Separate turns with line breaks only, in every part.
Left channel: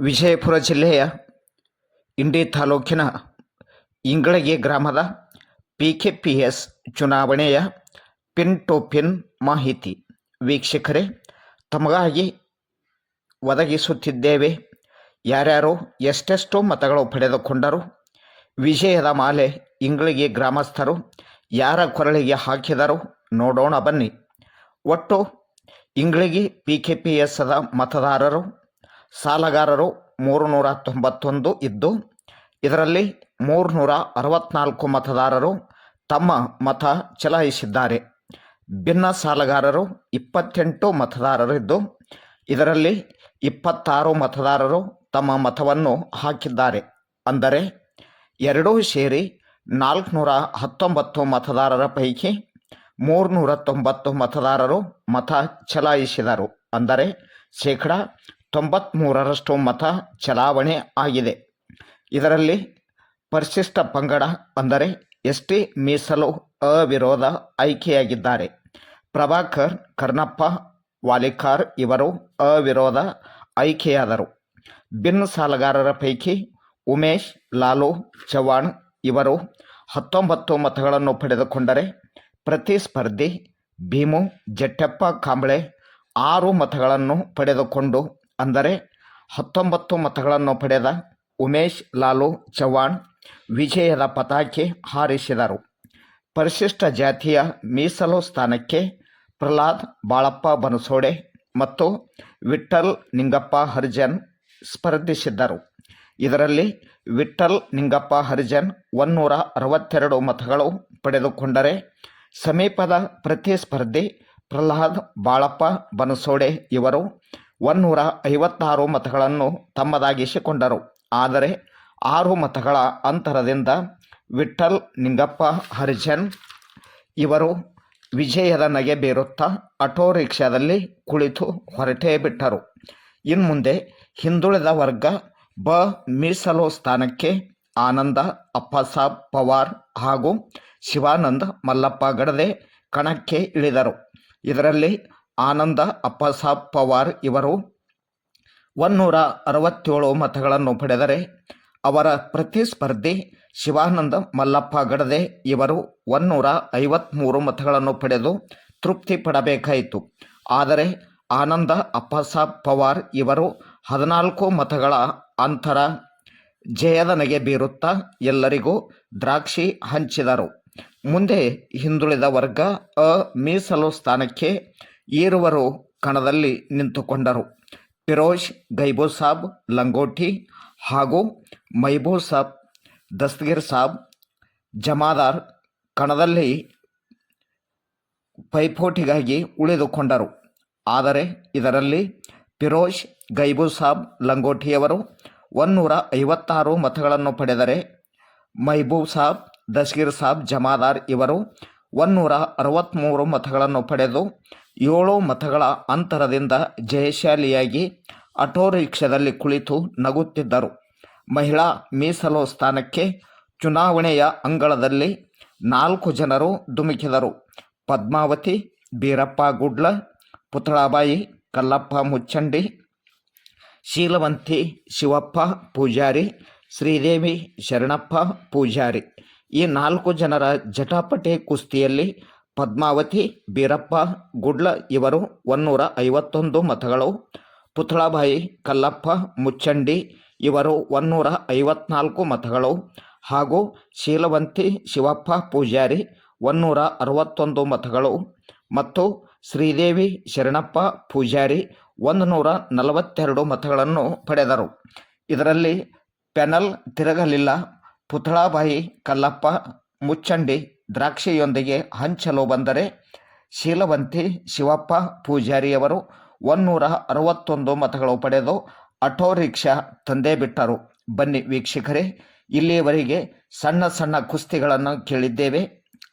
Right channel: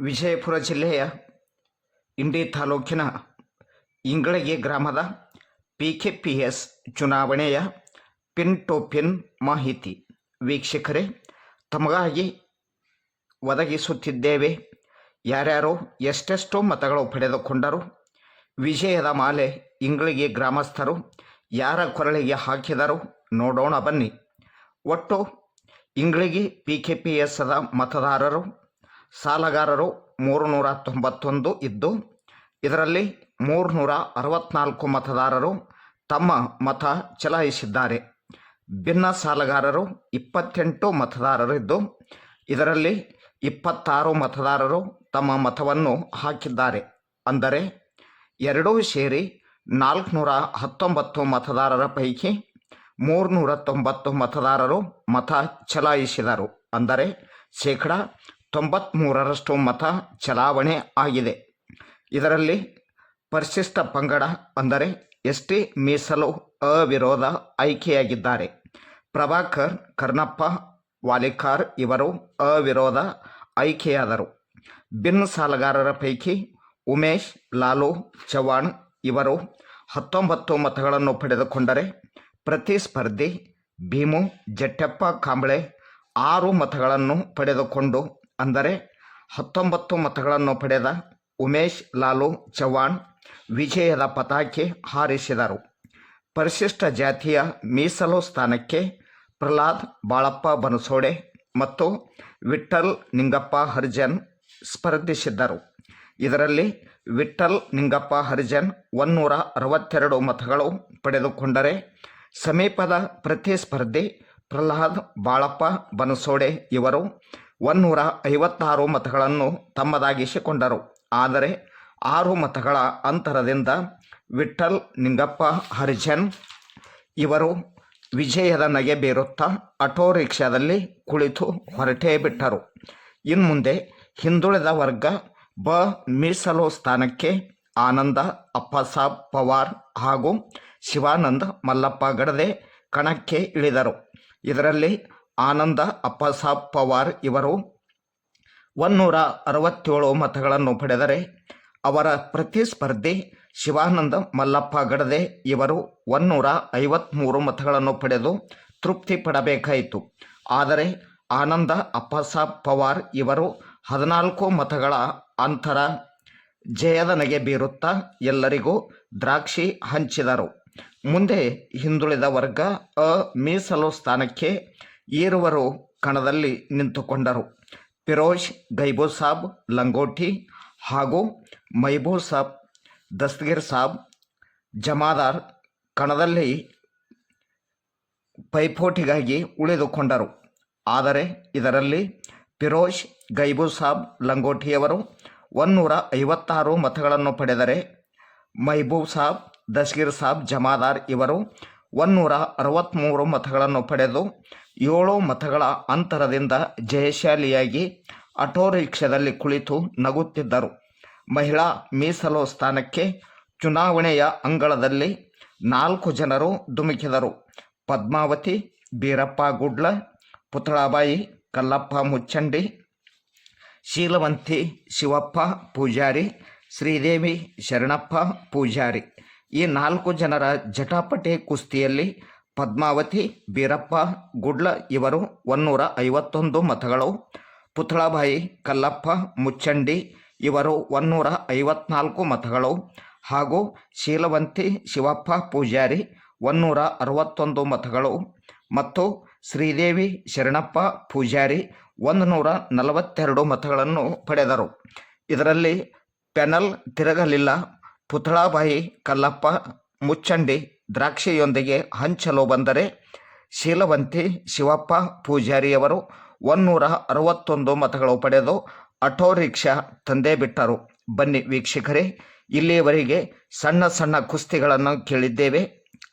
ವಿಜಯಪುರ ಜಿಲ್ಲೆಯ ಇಂಡಿ ತಾಲೂಕಿನ ಇಂಗಳಗಿ ಗ್ರಾಮದ ಪಿ ಕೆ ಪಿ ಎಸ್ ಚುನಾವಣೆಯ ಪಿನ್ ಟು ಪಿನ್ ಮಾಹಿತಿ. ವೀಕ್ಷಕರೇ, ತಮಗಾಗಿ ಒದಗಿಸುತ್ತಿದ್ದೇವೆ. ಯಾರ್ಯಾರು ಎಷ್ಟೆಷ್ಟು ಮತಗಳು ಪಡೆದುಕೊಂಡರು, ವಿಜಯದ ಮಾಲೆ ಇಂಗ್ಳಿಗೆ ಗ್ರಾಮಸ್ಥರು ಯಾರ ಕೊರಳಿಗೆ ಹಾಕಿದರು ನೋಡೋಣ ಬನ್ನಿ. ಒಟ್ಟು ಇಂಗ್ಳಿಗೆ ಪಿ ಕೆ ಪಿ ಎಸ್ದ ಮತದಾರರು ಸಾಲಗಾರರು ಮೂರು ನೂರ ತೊಂಬತ್ತೊಂದು ಇದ್ದು, ಇದರಲ್ಲಿ ಮೂರುನೂರ ಅರವತ್ನಾಲ್ಕು ಮತದಾರರು ತಮ್ಮ ಮತ ಚಲಾಯಿಸಿದ್ದಾರೆ. ಭಿನ್ನ ಸಾಲಗಾರರು ಇಪ್ಪತ್ತೆಂಟು ಮತದಾರರಿದ್ದು ಇದರಲ್ಲಿ ಇಪ್ಪತ್ತಾರು ಮತದಾರರು ತಮ್ಮ ಮತವನ್ನು ಹಾಕಿದ್ದಾರೆ. ಅಂದರೆ, ಎರಡೂ ಸೇರಿ ನಾಲ್ಕುನೂರ ಹತ್ತೊಂಬತ್ತು ಮತದಾರರ ಪೈಕಿ ಮೂರುನೂರ ತೊಂಬತ್ತು ಮತದಾರರು ಮತ ಚಲಾಯಿಸಿದರು. ಅಂದರೆ, ಶೇಕಡ ತೊಂಬತ್ತ್ಮೂರರಷ್ಟು ಮತ ಚಲಾವಣೆ ಆಗಿದೆ. ಇದರಲ್ಲಿ ಪರಿಶಿಷ್ಟ ಪಂಗಡ ಅಂದರೆ ಎಸ್ ಟಿ ಮೀಸಲು ಅವಿರೋಧ ಆಯ್ಕೆಯಾಗಿದ್ದಾರೆ. ಪ್ರಭಾಕರ್, ಕರ್ಣಪ್ಪ, ವಾಲಿಕಾರ್ ಇವರು ಅವಿರೋಧ ಆಯ್ಕೆಯಾದರು. ಬಿನ್ ಸಾಲಗಾರರ ಪೈಕಿ ಉಮೇಶ್, ಲಾಲು ಚವಾಣ್ ಇವರು ಹತ್ತೊಂಬತ್ತು ಮತಗಳನ್ನು ಪಡೆದುಕೊಂಡರೆ ಪ್ರತಿಸ್ಪರ್ಧಿ ಭೀಮು, ಜಟ್ಟೆಪ್ಪ ಕಾಂಬಳೆ ಆರು ಮತಗಳನ್ನು ಪಡೆದುಕೊಂಡು ಅಂದರೆ ಹತ್ತೊಂಬತ್ತು ಮತಗಳನ್ನು ಪಡೆದ ಉಮೇಶ್, ಲಾಲು, ಚವ್ಹಾಣ್, ವಿಜಯದ ಪತಾಕೆ ಹಾರಿಸಿದರು. ಪರಿಶಿಷ್ಟ ಜಾತಿಯ ಮೀಸಲು ಸ್ಥಾನಕ್ಕೆ ಪ್ರಹ್ಲಾದ್, ಬಾಳಪ್ಪ ಬನಸೋಡೆ ಮತ್ತು ವಿಠಲ್ ನಿಂಗಪ್ಪ ಹರಿಜನ್ ಸ್ಪರ್ಧಿಸಿದ್ದರು. ಇದರಲ್ಲಿ ವಿಠಲ್ ನಿಂಗಪ್ಪ ಹರಿಜನ್ ಒನ್ನೂರ ಅರವತ್ತೆರಡು ಮತಗಳು ಪಡೆದುಕೊಂಡರೆ ಸಮೀಪದ ಪ್ರತಿಸ್ಪರ್ಧಿ ಪ್ರಹ್ಲಾದ್, ಬಾಳಪ್ಪ ಬನಸೋಡೆ ಇವರು ಒನ್ನೂರ ಐವತ್ತಾರು ಮತಗಳನ್ನು ತಮ್ಮದಾಗಿಸಿಕೊಂಡರು. ಆದರೆ ಆರು ಮತಗಳ ಅಂತರದಿಂದ ವಿಠ್ಠಲ್, ನಿಂಗಪ್ಪ, ಹರಿಜನ್ ಇವರು ವಿಜಯದ ನಗೆ ಬೀರುತ್ತಾ ಆಟೋ ರಿಕ್ಷಾದಲ್ಲಿ ಕುಳಿತು ಹೊರಟೇ ಬಿಟ್ಟರು. ಇನ್ಮುಂದೆ ಹಿಂದುಳಿದ ವರ್ಗ ಬ. ಮೀಸಲು ಸ್ಥಾನಕ್ಕೆ ಆನಂದ ಅಪ್ಪಸಾಬ್ ಪವಾರ್ ಹಾಗೂ ಶಿವಾನಂದ ಮಲ್ಲಪ್ಪ ಗಡದೆ ಕಣಕ್ಕೆ ಇಳಿದರು. ಇದರಲ್ಲಿ ಆನಂದ ಅಪ್ಪಸಾಬ್ ಪವಾರ್ ಇವರು ಒನ್ನೂರ ಅರವತ್ತೇಳು ಮತಗಳನ್ನು ಪಡೆದರೆ ಅವರ ಪ್ರತಿಸ್ಪರ್ಧಿ ಶಿವಾನಂದ ಮಲ್ಲಪ್ಪ ಗಡದೆ ಇವರು ಒನ್ನೂರ ಐವತ್ತ್ಮೂರು ಮತಗಳನ್ನು ಪಡೆದು ತೃಪ್ತಿ ಪಡಬೇಕಾಯಿತು. ಆದರೆ ಆನಂದ ಅಪ್ಪಸಾಬ್ ಪವಾರ್ ಇವರು ಹದಿನಾಲ್ಕು ಮತಗಳ ಅಂತರ ಜಯದ ನಗೆ ಬೀರುತ್ತಾ ಎಲ್ಲರಿಗೂ ದ್ರಾಕ್ಷಿ ಹಂಚಿದರು. ಮುಂದೆ ಹಿಂದುಳಿದ ವರ್ಗ ಅ ಮೀಸಲು ಸ್ಥಾನಕ್ಕೆ ಈರುವರು ಕಣದಲ್ಲಿ ನಿಂತುಕೊಂಡರು. ಫಿರೋಜ್, ಗೈಬೋ ಸಾಬ್, ಲಂಗೋಟಿ ಹಾಗೂ ಮೈಬೋ ಸಾಬ್, ದಸ್ತಗಿರ್ ಸಾಬ್, ಜಮಾದಾರ್ ಕಣದಲ್ಲಿ ಪೈಪೋಟಿಗಾಗಿ ಉಳಿದುಕೊಂಡರು. ಆದರೆ ಇದರಲ್ಲಿ ಫಿರೋಜ್, ಗೈಬೂ ಸಾಬ್, ಲಂಗೋಟಿಯವರು ಒನ್ನೂರ ಐವತ್ತಾರು ಮತಗಳನ್ನು ಪಡೆದರೆ ಮೈಬೂಬ್ ಸಾಬ್ ದಸ್ಗೀರ್ ಸಾಬ್, ಜಮಾದಾರ್ ಇವರು ಒನ್ನೂರ ಅರವತ್ತ್ಮೂರು ಮತಗಳನ್ನು ಪಡೆದು ಏಳು ಮತಗಳ ಅಂತರದಿಂದ ಜಯಶಾಲಿಯಾಗಿ ಆಟೋ ರಿಕ್ಷಾದಲ್ಲಿ ಕುಳಿತು ನಗುತ್ತಿದ್ದರು. ಮಹಿಳಾ ಮೀಸಲು ಸ್ಥಾನಕ್ಕೆ ಚುನಾವಣೆಯ ಅಂಗಳದಲ್ಲಿ ನಾಲ್ಕು ಜನರು ಧುಮುಕಿದರು. ಪದ್ಮಾವತಿ, ಬೀರಪ್ಪ ಗುಡ್ಲ ಪುತಳಾಬಾಯಿ ಕಲ್ಲಪ್ಪ ಮುಚ್ಚಂಡಿ, ಶೀಲವಂತಿ, ಶಿವಪ್ಪ ಪೂಜಾರಿ, ಶ್ರೀದೇವಿ ಶರಣಪ್ಪ ಪೂಜಾರಿ ಈ ನಾಲ್ಕು ಜನರ ಜಟಾಪಟಿ ಕುಸ್ತಿಯಲ್ಲಿ ಪದ್ಮಾವತಿ, ಬೀರಪ್ಪ, ಗುಡ್ಲ ಇವರು ಒನ್ನೂರ ಐವತ್ತೊಂದು ಮತಗಳು. ಪುತ್ಳಾಬಾಯಿ ಕಲ್ಲಪ್ಪ, ಮುಚ್ಚಂಡಿ ಇವರು ಒನ್ನೂರ ಐವತ್ನಾಲ್ಕು ಮತಗಳು. ಹಾಗೂ ಶೀಲವಂತಿ, ಶಿವಪ್ಪ ಪೂಜಾರಿ ಒನ್ನೂರ ಅರವತ್ತೊಂದು ಮತಗಳು. ಮತ್ತು ಶ್ರೀದೇವಿ, ಶರಣಪ್ಪ ಪೂಜಾರಿ ಒಂದು ನೂರ ನಲವತ್ತೆರಡು ಮತಗಳನ್ನು ಪಡೆದರು. ಇದರಲ್ಲಿ ಪೆನಲ್ ತಿರುಗಲಿಲ್ಲ. ಪುತ್ಳಾಬಾಯಿ ಕಲ್ಲಪ್ಪ, ಮುಚ್ಚಂಡಿ ದ್ರಾಕ್ಷಿಯೊಂದಿಗೆ ಹಂಚಲು ಬಂದರೆ ಶೀಲವಂತಿ, ಶಿವಪ್ಪ, ಪೂಜಾರಿಯವರು ಒನ್ನೂರ ಅರವತ್ತೊಂದು ಮತಗಳು ಪಡೆದು ಆಟೋ ರಿಕ್ಷಾ ತಂದೇ ಬಿಟ್ಟರು. ಬನ್ನಿ ವೀಕ್ಷಕರೇ, ಇಲ್ಲಿಯವರೆಗೆ ಸಣ್ಣ ಸಣ್ಣ ಕುಸ್ತಿಗಳನ್ನು ಕೇಳಿದ್ದೇವೆ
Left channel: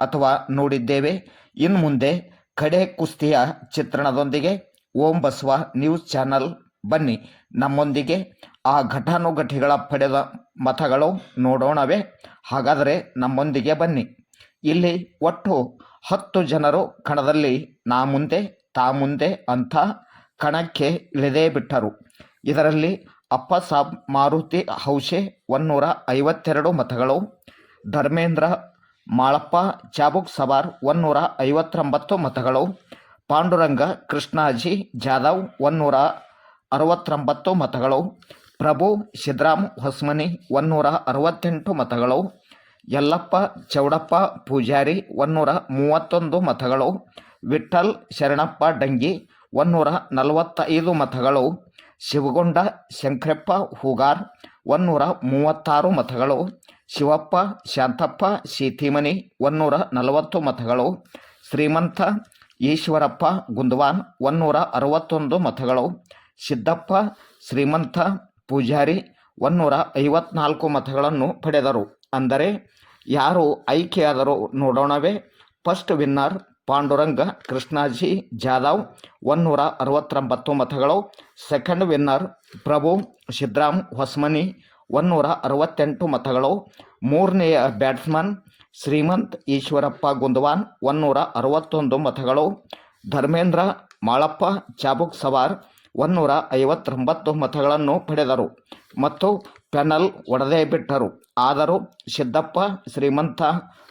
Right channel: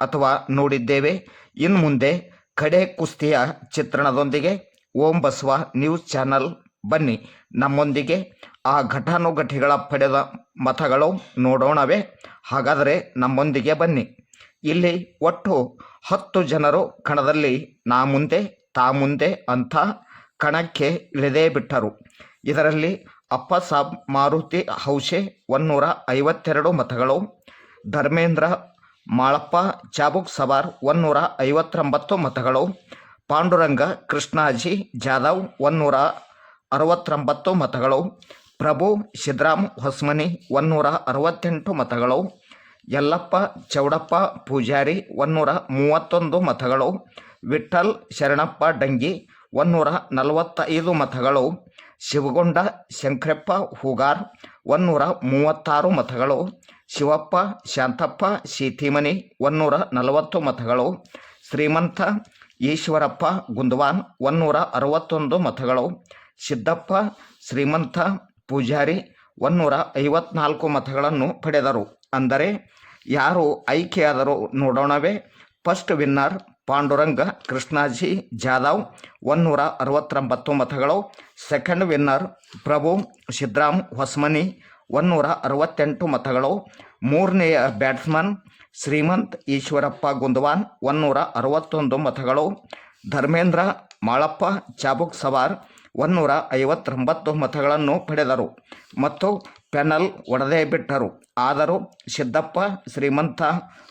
ಅಥವಾ ನೋಡಿದ್ದೇವೆ. ಇನ್ನು ಮುಂದೆ ಕಡೆ ಕುಸ್ತಿಯ ಚಿತ್ರಣದೊಂದಿಗೆ ಓಂ ಬಸವ ನ್ಯೂಸ್ ಚಾನಲ್ ಬನ್ನಿ. ನಮ್ಮೊಂದಿಗೆ ಆ ಘಟಾನುಘಟಿಗಳ ಪಡೆದ ಮತಗಳು ನೋಡೋಣವೇ. ಹಾಗಾದರೆ ನಮ್ಮೊಂದಿಗೆ ಬನ್ನಿ. ಇಲ್ಲಿ ಒಟ್ಟು ಹತ್ತು ಜನರು ಕಣದಲ್ಲಿ ನಾ ಮುಂದೆ, ತಾ ಮುಂದೆ ಅಂತ ಕಣಕ್ಕೆ ಇಳಿದೇ ಬಿಟ್ಟರು. ಇದರಲ್ಲಿ ಅಪ್ಪಸಾಬ್ ಮಾರುತಿ ಹೌಶೆ ಒನ್ನೂರ ಐವತ್ತೆರಡು ಮತಗಳು, ಧರ್ಮೇಂದ್ರ ಮಾಳಪ್ಪ ಚಾಬುಕ್ ಸವಾರ್ ಒನ್ನೂರ ಐವತ್ತೊಂಬತ್ತು ಮತಗಳು, ಪಾಂಡುರಂಗ ಕೃಷ್ಣಾಜಿ ಜಾಧವ್ ಒನ್ನೂರ ಅರವತ್ತೊಂಬತ್ತು ಮತಗಳು, ಪ್ರಭು ಸಿದ್ರಾಮ್ ಹೊಸ್ಮನಿ ಒನ್ನೂರ ಅರವತ್ತೆಂಟು ಮತಗಳು ಯಲ್ಲಪ್ಪ, ಚೌಡಪ್ಪ, ಪೂಜಾರಿ ಒನ್ನೂರ ಮೂವತ್ತೊಂದು ಮತಗಳು. ವಿಠಲ್ ಶರಣಪ್ಪ, ಡಂಗಿ ಒನ್ನೂರ ನಲವತ್ತೈದು ಮತಗಳು. ಶಿವಗೊಂಡ, ಶಂಕ್ರಪ್ಪ, ಹೂಗಾರ್ ಒನ್ನೂರ ಮೂವತ್ತಾರು ಮತಗಳು. ಶಿವಪ್ಪ, ಶಾಂತಪ್ಪ ಸೀತಿಮನಿ ಒನ್ನೂರ ನಲವತ್ತು ಮತಗಳು. ಶ್ರೀಮಂತ, ಈಶ್ವರಪ್ಪ ಗುಂದವಾನ್ ಒನ್ನೂರ ಅರವತ್ತೊಂದು ಮತಗಳು. ಸಿದ್ದಪ್ಪ, ಶ್ರೀಮಂತ, ಪೂಜಾರಿ ಒನ್ನೂರ ಐವತ್ನಾಲ್ಕು ಮತಗಳನ್ನು ಪಡೆದರು. ಅಂದರೆ ಯಾರು ಆಯ್ಕೆಯಾದರೂ ನೋಡೋಣವೇ. ಫಸ್ಟ್ ವಿನ್ನರ್ ಪಾಂಡುರಂಗ ಕೃಷ್ಣಾಜಿ ಜಾಧವ್ ಒನ್ನೂರ ಅರವತ್ತೊಂಬತ್ತು ಮತಗಳು ಸೆಕೆಂಡ್ ವಿನ್ನರ್ ಪ್ರಭು ಸಿದ್ರಾಮ್ ಹೊಸ್ಮನಿ ಒನ್ನೂರ ಅರವತ್ತೆಂಟು ಮತಗಳು. ಮೂರನೆಯ ಬ್ಯಾಟ್ಸ್ಮನ್ ಶ್ರೀಮಂತ್ ಈಶ್ವರಪ್ಪ ಗುಂದವಾನ್ ಒನ್ನೂರ ಅರವತ್ತೊಂದು ಮತಗಳು. ಧರ್ಮೇಂದ್ರ ಮಾಳಪ್ಪ ಚಾಬುಕ್ ಸವಾರ್ ಒನ್ನೂರ ಐವತ್ತೊಂಬತ್ತು ಮತಗಳನ್ನು ಪಡೆದರು ಮತ್ತು ಪೆನಲ್ ಒಡೆದೇ ಬಿಟ್ಟರು. ಆದರೂ ಸಿದ್ದಪ್ಪ, ಶ್ರೀಮಂತ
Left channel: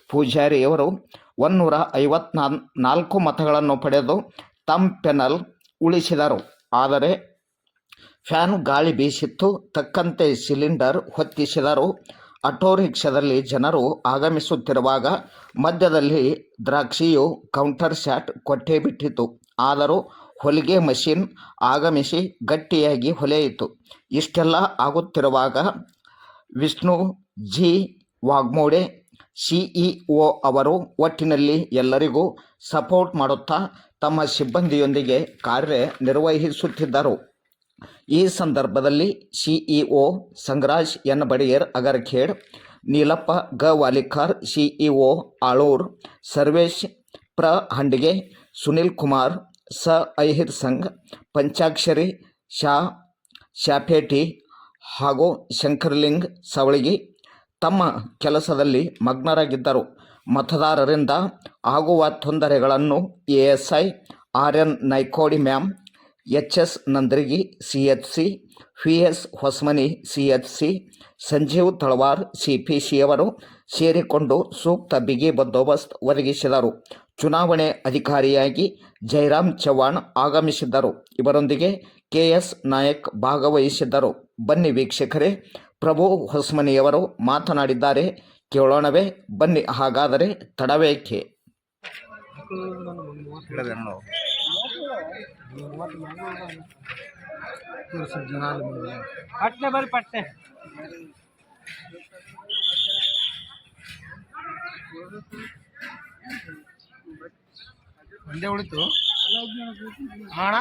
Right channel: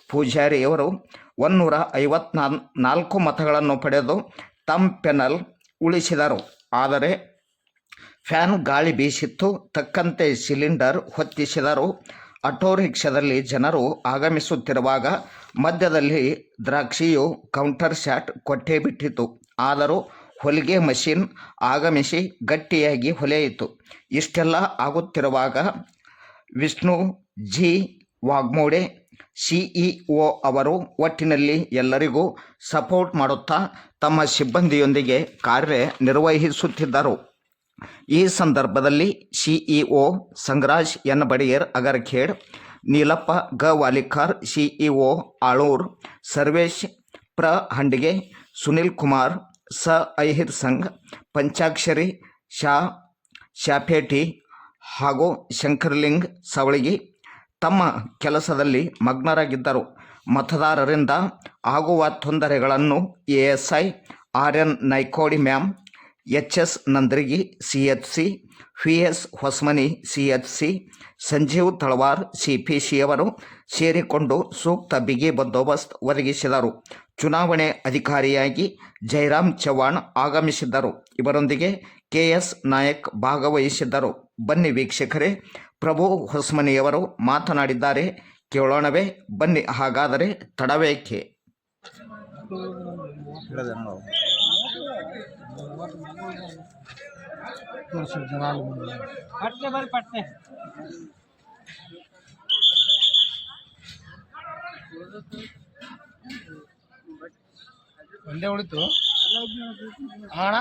ಪೂಜಾರಿಯವರು ಒನ್ನೂರ ಐವತ್ನಾ ನಾಲ್ಕು ಮತಗಳನ್ನು ಪಡೆದು ತಮ್ಮ ಪೆನಲ್ ಉಳಿಸಿದರು. ಆದರೆ ಫ್ಯಾನ್ ಗಾಳಿ ಬೀಸಿತ್ತು. ತಕ್ಕಂತೆ ಸಿಲಿಂಡರ್ ಹೊತ್ತಿಸಿದರು. ಆಟೋ ರಿಕ್ಷಾದಲ್ಲಿ ಜನರು ಆಗಮಿಸುತ್ತಿರುವಾಗ ಮಧ್ಯದಲ್ಲಿ ದ್ರಾಕ್ಷಿಯು ಕೌಂಟರ್ ಶಾಟ್ ಕೊಟ್ಟೇ ಬಿಟ್ಟಿತು ಆದರೂ ಹೊಲಿಗೆ ಮಷಿನ್ ಆಗಮಿಸಿ ಗಟ್ಟಿಯಾಗಿ ಹೊಲೆಯಿತು. ಇಷ್ಟೆಲ್ಲ ಆಗುತ್ತಿರುವಾಗ ವಿಷ್ಣು ಜಿ. ವಾಗ್ಮೋಡೆ ಸಿಇಒ ಅವರು ಒಟ್ಟಿನಲ್ಲಿ ಎಲ್ಲರಿಗೂ ಸಪೋರ್ಟ್ ಮಾಡುತ್ತಾ ತಮ್ಮ ಸಿಬ್ಬಂದಿಯೊಂದಿಗೆ ಕಾರ್ಯ ನಿರ್ವಹಿಸುತ್ತಿದ್ದರು ಈ ಸಂದರ್ಭದಲ್ಲಿ ಸಿಇಒ ಸಂಗ್ರಾಜ್ ಎನ್. ಬಡಿಯರ್, ಅಗರ್ಖೇಡ್, ನೀಲಪ್ಪ ಗ. ವಾಲಿಕಾರ್ ಸಿಇಒ ಆಳೂರ್, ಸರ್ವೇಶ್ ಪ್ರ. ಹಂಡಿಗೆ, ಸುನಿಲ್ ಕುಮಾರ್ ಸ ಐಹಿರ್ ಸಂಘ್, ಪಂಚಾಕ್ಷರಿ, ಶಾ, ಶಾಪೇಟಿ ಹಾಗೂ ಶಂಕರ್ಲಿಂಗ್ ಸವಳಿಗಿ ತಮ್ಮ ಕೆಲಸದಲ್ಲಿ ಮಗ್ನರಾಗಿದ್ದರು. ಮತದಾರರಿಂದ ಆಗುವ ತೊಂದರೆಗಳನ್ನು A S I, R N Naikodi ma'am, H S Nandrigi, C H C, V S Hosmani, C H C, Sanjeev Talwar, C P C ಅವರು ಸೇರಿಕೊಂಡು ಸೂಕ್ತ ಬಿಗಿ ಬಂದೋಬಸ್ತ್ ಒದಗಿಸಿದರು. ಚುನಾವಣೆ ಅಧಿಕಾರಿಯಾಗಿ ಜಯರಾಮ್ ಚವ್ಹಾಣ್ ಆಗಮಿಸಿದ್ದರು. ಇವರೊಂದಿಗೆ ಕೆ ಎಸ್ ನಾಯಕ್ ಭಾಗವಹಿಸಿದ್ದರು. ಬನ್ನಿ ವೀಕ್ಷಕರೇ ಪ್ರಭು ಹೊಸ್ಮನಿಯವರು ಮಾತನಾಡಿದ್ದಾರೆ. ಕೇಳೋಣವೇ ಬನ್ನಿ ಹಾಗಾದರೆ ತಡವೇಕೆ?
ಒಂದೇ ಉಳಿತು. ಹಣ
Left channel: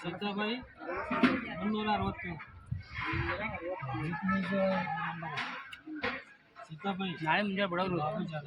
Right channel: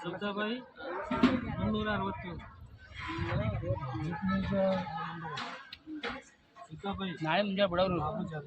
ಸಿದ್ದಬಾಯಿ ಮುನ್ನೂರ ಅರವತ್ತು ಸಿದ್ದಬಾಯಿ. ನಾಳೆ ಮುಂಜಾನೆ ಬಿಡೋರು. ಲಾಭ ಜಾಗ.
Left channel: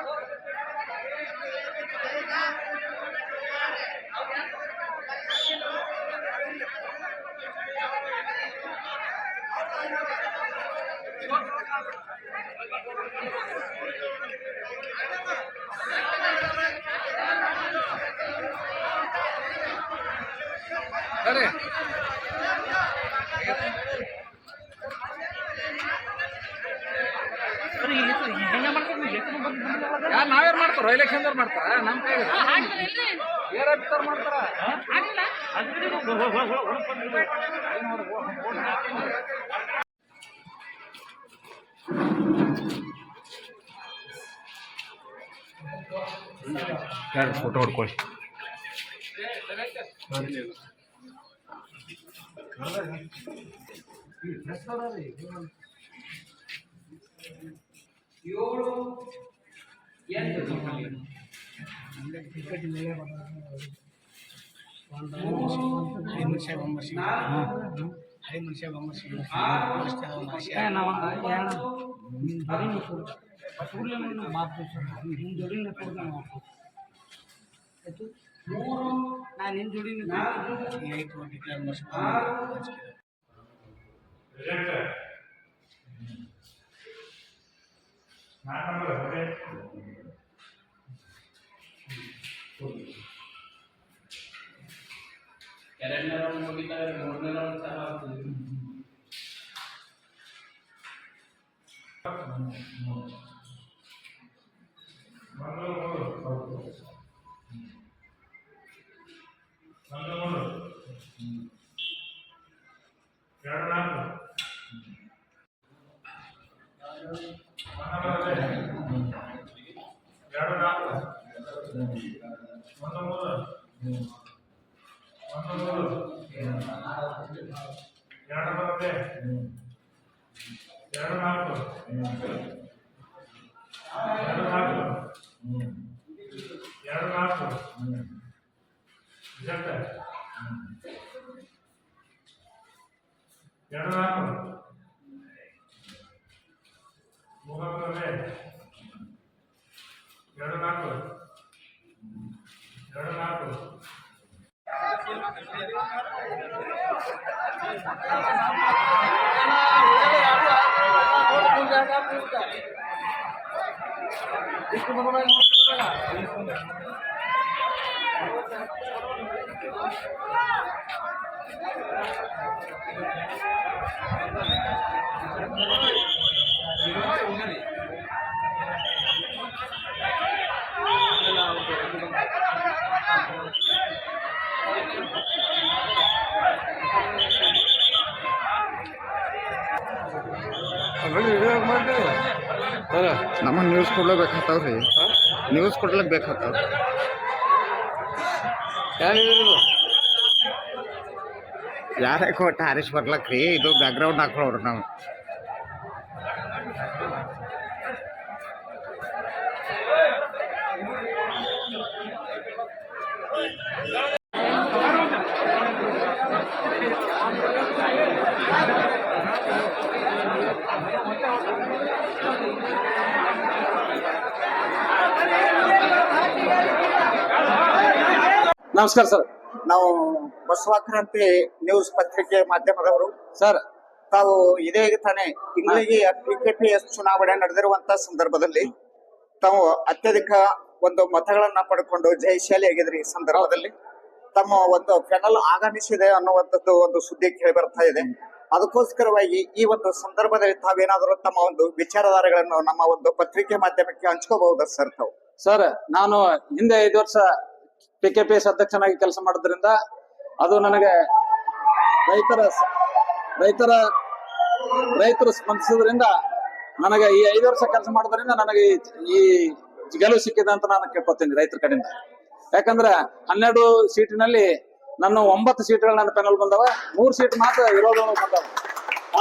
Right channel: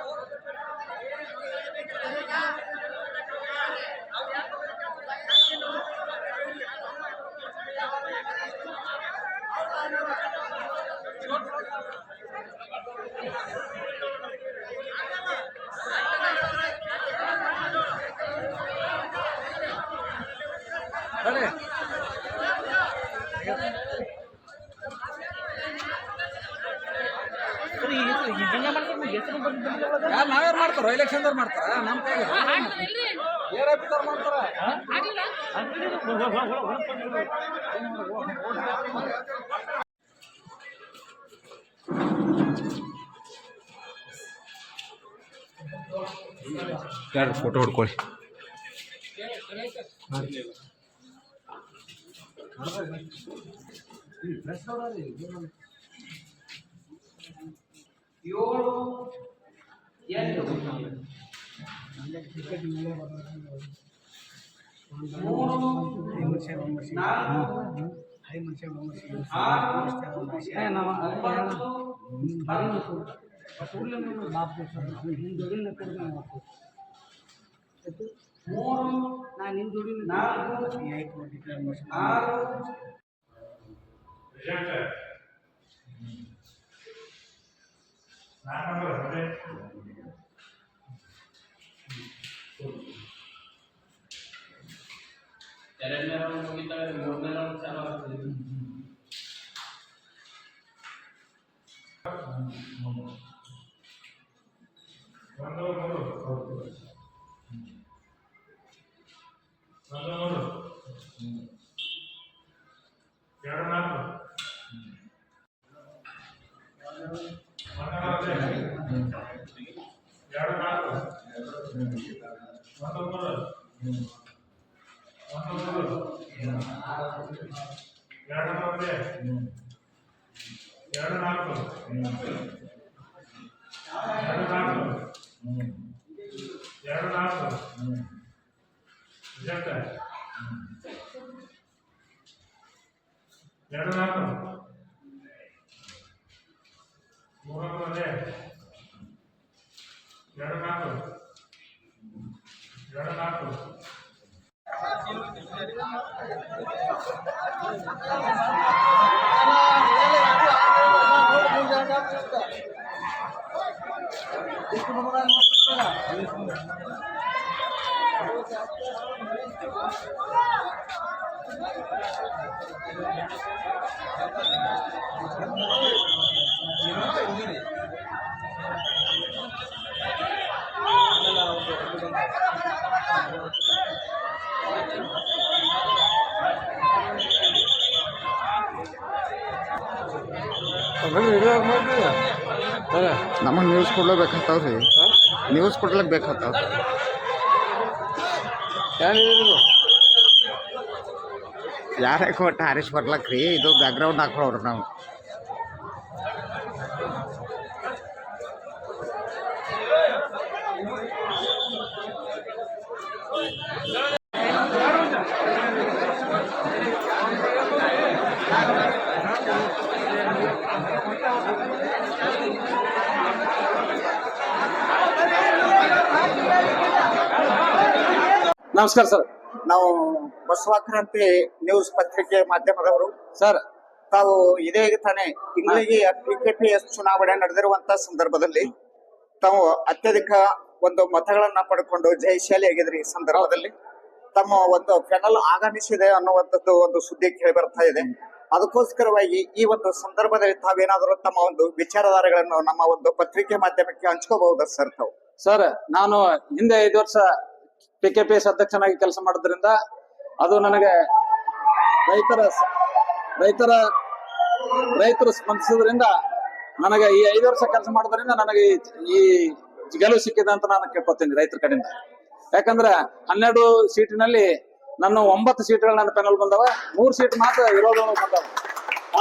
ಯಾರು ನಾವ್ಯಾರು ಮಾಡ್ತಾರೋ? ಎಲೆಕ್ಷನ್ದವ್ರು ಮಾಡ್ತಾರ? ನಮ್ಮ ಕೈ ಯಾರು ಫೋಟೋ ಹೊಡ್ಕೊಳ್ಳಿ.
ಹೈ
ಕೂಡಲೇ ನಾನು ಬಾಪ್ತು ಸರ್ ನಿನ್ನ ಜೋಡಿನ ಕೊಡು ನಾವು ಹಾಕು ಆಯ್ತು ನಾನು ನಿನ್ನ ಜೋಡಿನ
ಐದು ಡಿಕ್ಲೇರ್ ಮಾಡಿಸಿ
Kerana orang kita modal orang sahaja.
ಎರಡು ನಾಲ್ಕು. ಒಂದು ಮೂರು ಒಂದು ಮೂರು ಎರಡು ಬರುತ್ತೆ ಎರಡು ನಾಲ್ಕು. ಎರಡು ನಾಲ್ಕು ಎರಡು ನಾಲ್ಕು ರಿಜೆಕ್ಟ್ ಎರಡು ನಾಲ್ಕು ಮೂರೊಂದೇ ಎರಡು ನಾಲ್ಕು ಎರಡು ನಾಲ್ಕು
ನಮಗೆ ನ್ಯೂಸ್ ಕೊಡ್ಲೇಬೇಕಾಗ್ತಾವ ರೀ ನ್ಯೂಸ್ ಕೊಡ್ಲಿಕ್ಕೆ ಬೇಕಾಗ್ತಾವ ಯಾರೇ ಕೊಟ್ಟ ಹಾರಿಸ್ ಬರ್ಲಕ್ ರೀ ಇದು ಬ್ಯಾಕ್ಗ್ರೌಂಡ್ ಹಾಕೊಳ್ಳೋರು ನಾವು
ನಮಸ್ಕಾರ ಸರ್.
ನಾವು ಬಸವಾಕ್ರಾಂತಿ ನ್ಯೂಸ್ ಪತ್ರಿಕೆ ಮಾಧ್ಯಮದವರು.
ಸರ್.
ತಾವು ಇದೇ ತಾನೇ ತಿಂಗಳಿಗೆ ಪಿಕೆಪಿಎಸ್ ಚುನಾವಣೆ ನಡೆದಿರುವಂತ ಸಂದರ್ಭದಲ್ಲಿ ತಾವು ಅತ್ಯಧಿಕ ಒಂದು ಮತಗಳನ್ನ ಪಡ್ಕೊಂಡು ಜಯಶಾಲಿ ಆಗಿದ್ರಿ ಈ ಸಂದರ್ಭದಲ್ಲಿ. ತಮ್ಮ ಒಂದು ಫೆನಲ್ ಆಗಮಿಸಿದೆ ಅನ್ನುವಂಥದ್ದು ಒಂದು ಸುದ್ದಿ ಕೇಳಿ ಬರ್ತಾ ಇದೆ. ಅದಕ್ಕೋಸ್ಕರವಾಗಿ ಈ ಒಂದು ಸಂದರ್ಭದಲ್ಲಿ ತಾವೇನಾದರೂ ತಮ್ಮ ಒಂದು ವಿಚಾರಧಾರೆಗಳನ್ನು ನಮ್ಮ ಒಂದು ಪತ್ರಿಕೆ ಮಾಧ್ಯಮಕ್ಕೆ ಹಂಚ್ಕೋಬಹುದಾ ಸರ್ ತಾವು?
ಸರ್ ನಾನು ಹಿಂದೆ ಐದು ವರ್ಷ ಪಿ ಕೆ ಪಿ ಎಸ್ ಅಧ್ಯಕ್ಷನಾಗಿ ಕೆಲಸ ಮಾಡೋದ್ರಿಂದ ಅದು ನನಗೆ ರೈತರ ರೈತರ, ರೈತರು ಸ್ಪಂದಿಸೋದ್ರಿಂದ ನನಗೆ ಈ ಐದು ವರ್ಷ ಕೆಲಸ ಮಾಡೋದ್ರಿಂದ ನನಗೆ ಈ- ಗೆಲುವು ಸಿಕ್ಕಿದೆ ಅಂತ ನಾನು ಕೇಳ್ಕೊತೀನಿ ರೈತರ ಕಡೆಯಿಂದ. ಯಾಕಂದ್ರೆ ಹನ್ನೆರಡು ಸೀಟಿನಲ್ಲಿ ನನ್ನ ಒಂಬತ್ತು ಸೀಟ್ಗಳು ನನ್ನ ಪೆನಲ್ ಬಂದವ, ಮೂರು ಸೀಟ್ ಮಾತ್ರ ವಿರೋಧಗಳು ಬಂದವ.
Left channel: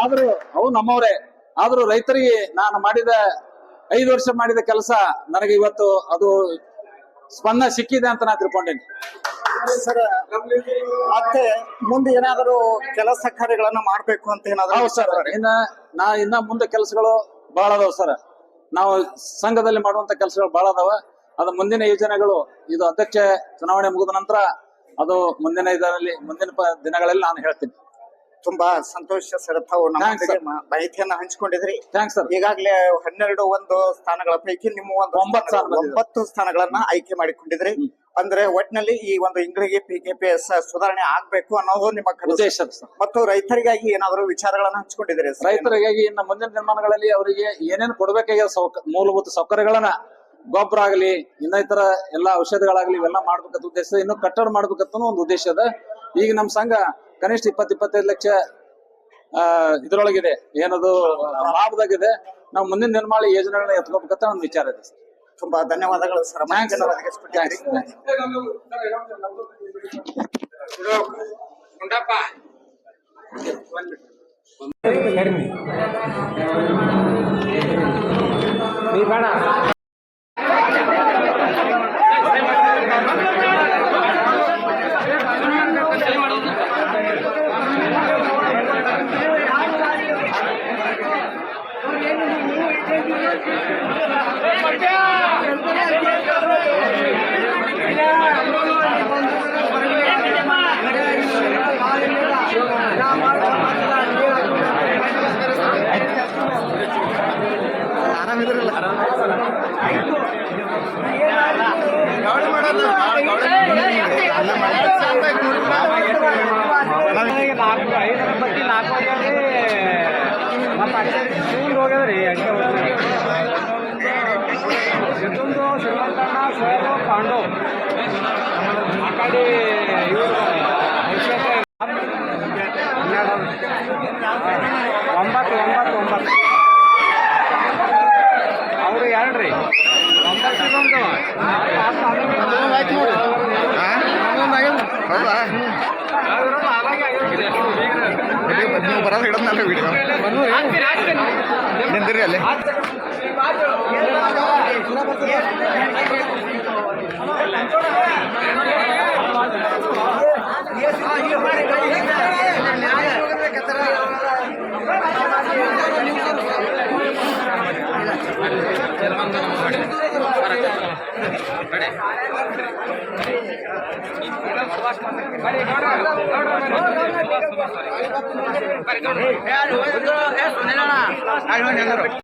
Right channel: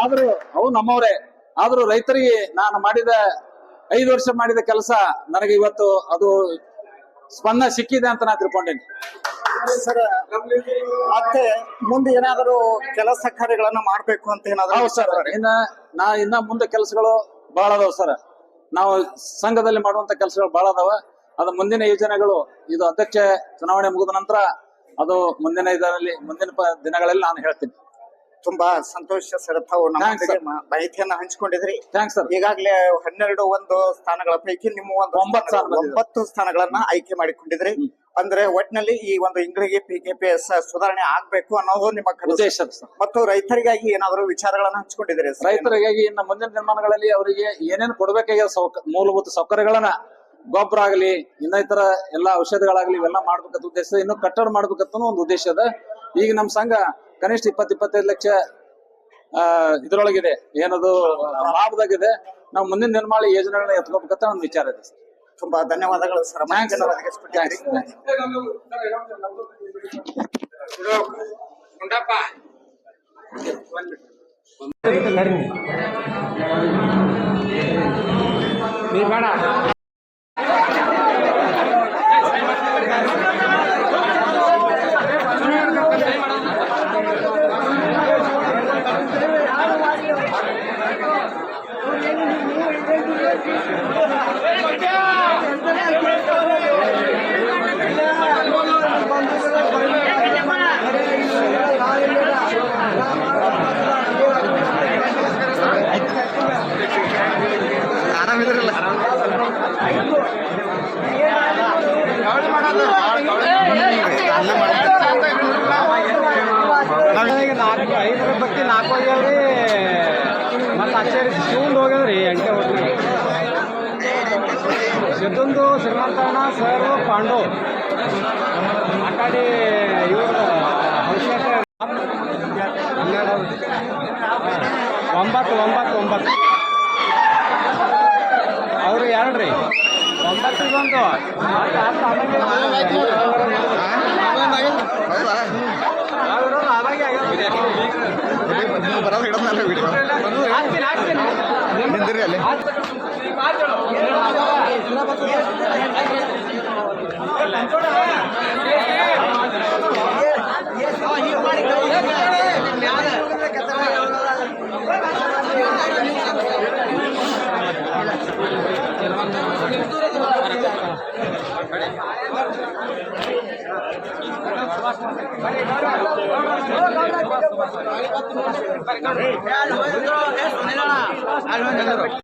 ಆದ್ರೂ ಅವು ನಮ್ಮವರೇ. ಆದ್ರೂ ರೈತರಿಗೆ ನಾನು ಮಾಡಿದ, ಐದು ವರ್ಷ ಮಾಡಿದ ಕೆಲಸ ನನಗೆ ಇವತ್ತು ಅದು ಸ್ಪಂದನ ಸಿಕ್ಕಿದೆ ಅಂತ ನಾನು ತಿಳ್ಕೊಂಡೇನಿ.
ಸರ್ ಮತ್ತೆ ಮುಂದೆ ಏನಾದರೂ ಕೆಲಸ ಕಾರ್ಯಗಳನ್ನ ಮಾಡ್ಬೇಕು ಅಂತ ಏನಾದರೂ
ಹೌದು ಸರ್. ಇನ್ನ ನಾ ಇನ್ನ ಮುಂದೆ ಕೆಲಸಗಳು ಬಹಳ ಅದಾವ ಸರ್. ನಾವು ಸಂಘದಲ್ಲಿ ಮಾಡುವಂತ ಕೆಲಸಗಳು ಬಹಳ ಅದಾವ. ಅದು ಮುಂದಿನ ಯೋಜನೆಗಳು ಇದು ಅಧ್ಯಕ್ಷ ಚುನಾವಣೆ ಮುಗಿದ ನಂತರ ಅದು ಮುಂದಿನ ಇದರಲ್ಲಿ ಮುಂದಿನ ದಿನಗಳಲ್ಲಿ ನಾನು ಹೇಳ್ತೀನಿ.
ತುಂಬಾ ಸಂತೋಷ ಸರ್ ತಾವು
Thanks,
ನಮ್ಮೊಂದಿಗೆ. ಮ- ಮಾಹಿತಿಯನ್ನ ಹಂಚಿಕೊಂಡಿದ್ರಿ
ಥ್ಯಾಂಕ್ಸ್ ಸರ್
ಈಗಾಗಲೇ ಹನ್ನೆರಡು ಒಂದು ಸ್ಥಾನಗಳ ಪೈಕಿ ನಿಮ್ಮ ಒಂದು
ಒಂಬತ್ತು
ಸ್ಥಾನ-
ಸ್ಥಾನ ಬಂದಿದೆ.
ಒಂಬತ್ತು ಸ್ಥಾನಗಳನ್ನ ಆಯ್ಕೆ ಮಾಡಿಕೊಂಡಿದ್ರಿ ಅಂದ್ರೆ ಒಟ್ಟಿನಲ್ಲಿ ಈ ಒಂದು ಇಂಗ್ಲಿಗೆ ಪಿಕೆಪಿಎಸ್ ಸುಧಾರಣೆ ಆಗ್ಬೇಕು ಅನ್ನೋದು ನಿಮ್ಮ ಕನಸು.
ಉದ್ದೇಶ ಸರ್
ಮತ್ತು ರೈತರಿಗಾಗಿ ಏನಾದರೂ ವಿಚಾರಗಳನ್ನ ಹಂಚಿಕೊಂಡಿದ್ದೀರಿ ಸರ್
ರೈತರಿಗಾಗಿ ಇನ್ನು ಮುಂದಿನ ನಿರ್ಮಾಣಗಳಲ್ಲಿ ಅವರಿಗೆ ಏನೇನು ಕೊಡಬೇಕಾಗಿ ಸೌಕ ಮೂಲಭೂತ ಸೌಕರ್ಯಗಳನ್ನ ಗೊಬ್ಬರ ಆಗಲಿ ಇನ್ನಿತರ ಎಲ್ಲಾ ಔಷಧಗಳಾಗಲಿ ಇವೆಲ್ಲ ಮಾಡ್ಬೇಕಂತ ಉದ್ದೇಶ ಇನ್ನು ಕಟ್ಟಡ ಮಾಡ್ಬೇಕಂತ ಒಂದು ಉದ್ದೇಶ ಅದ ಈಗ ನಮ್ಮ ಸಂಘ ಕನಿಷ್ಠ ಇಪ್ಪತ್ ಇಪ್ಪತ್ತೈದು ಲಕ್ಷ ಆ ಇದ್ರೊಳಗಿದೆ ಏನದು ಲಾಭದಾಗಿದೆ ನಾವು ಮುಂದಿನ ನಿರ್ಮಾಣ ಯೋಜನೆಗಳನ್ನ ಎತ್ಕೋಬೇಕಂತ ಒಂದು ವಿಚಾರ ಇದೆ ಸರ್
ತುಂಬಾ ಧನ್ಯವಾದಗಳು ಸರ್
sir.
Ei, ನಿಂದಿರಿ ಅಲ್ಲಿ ಸುನಿಲ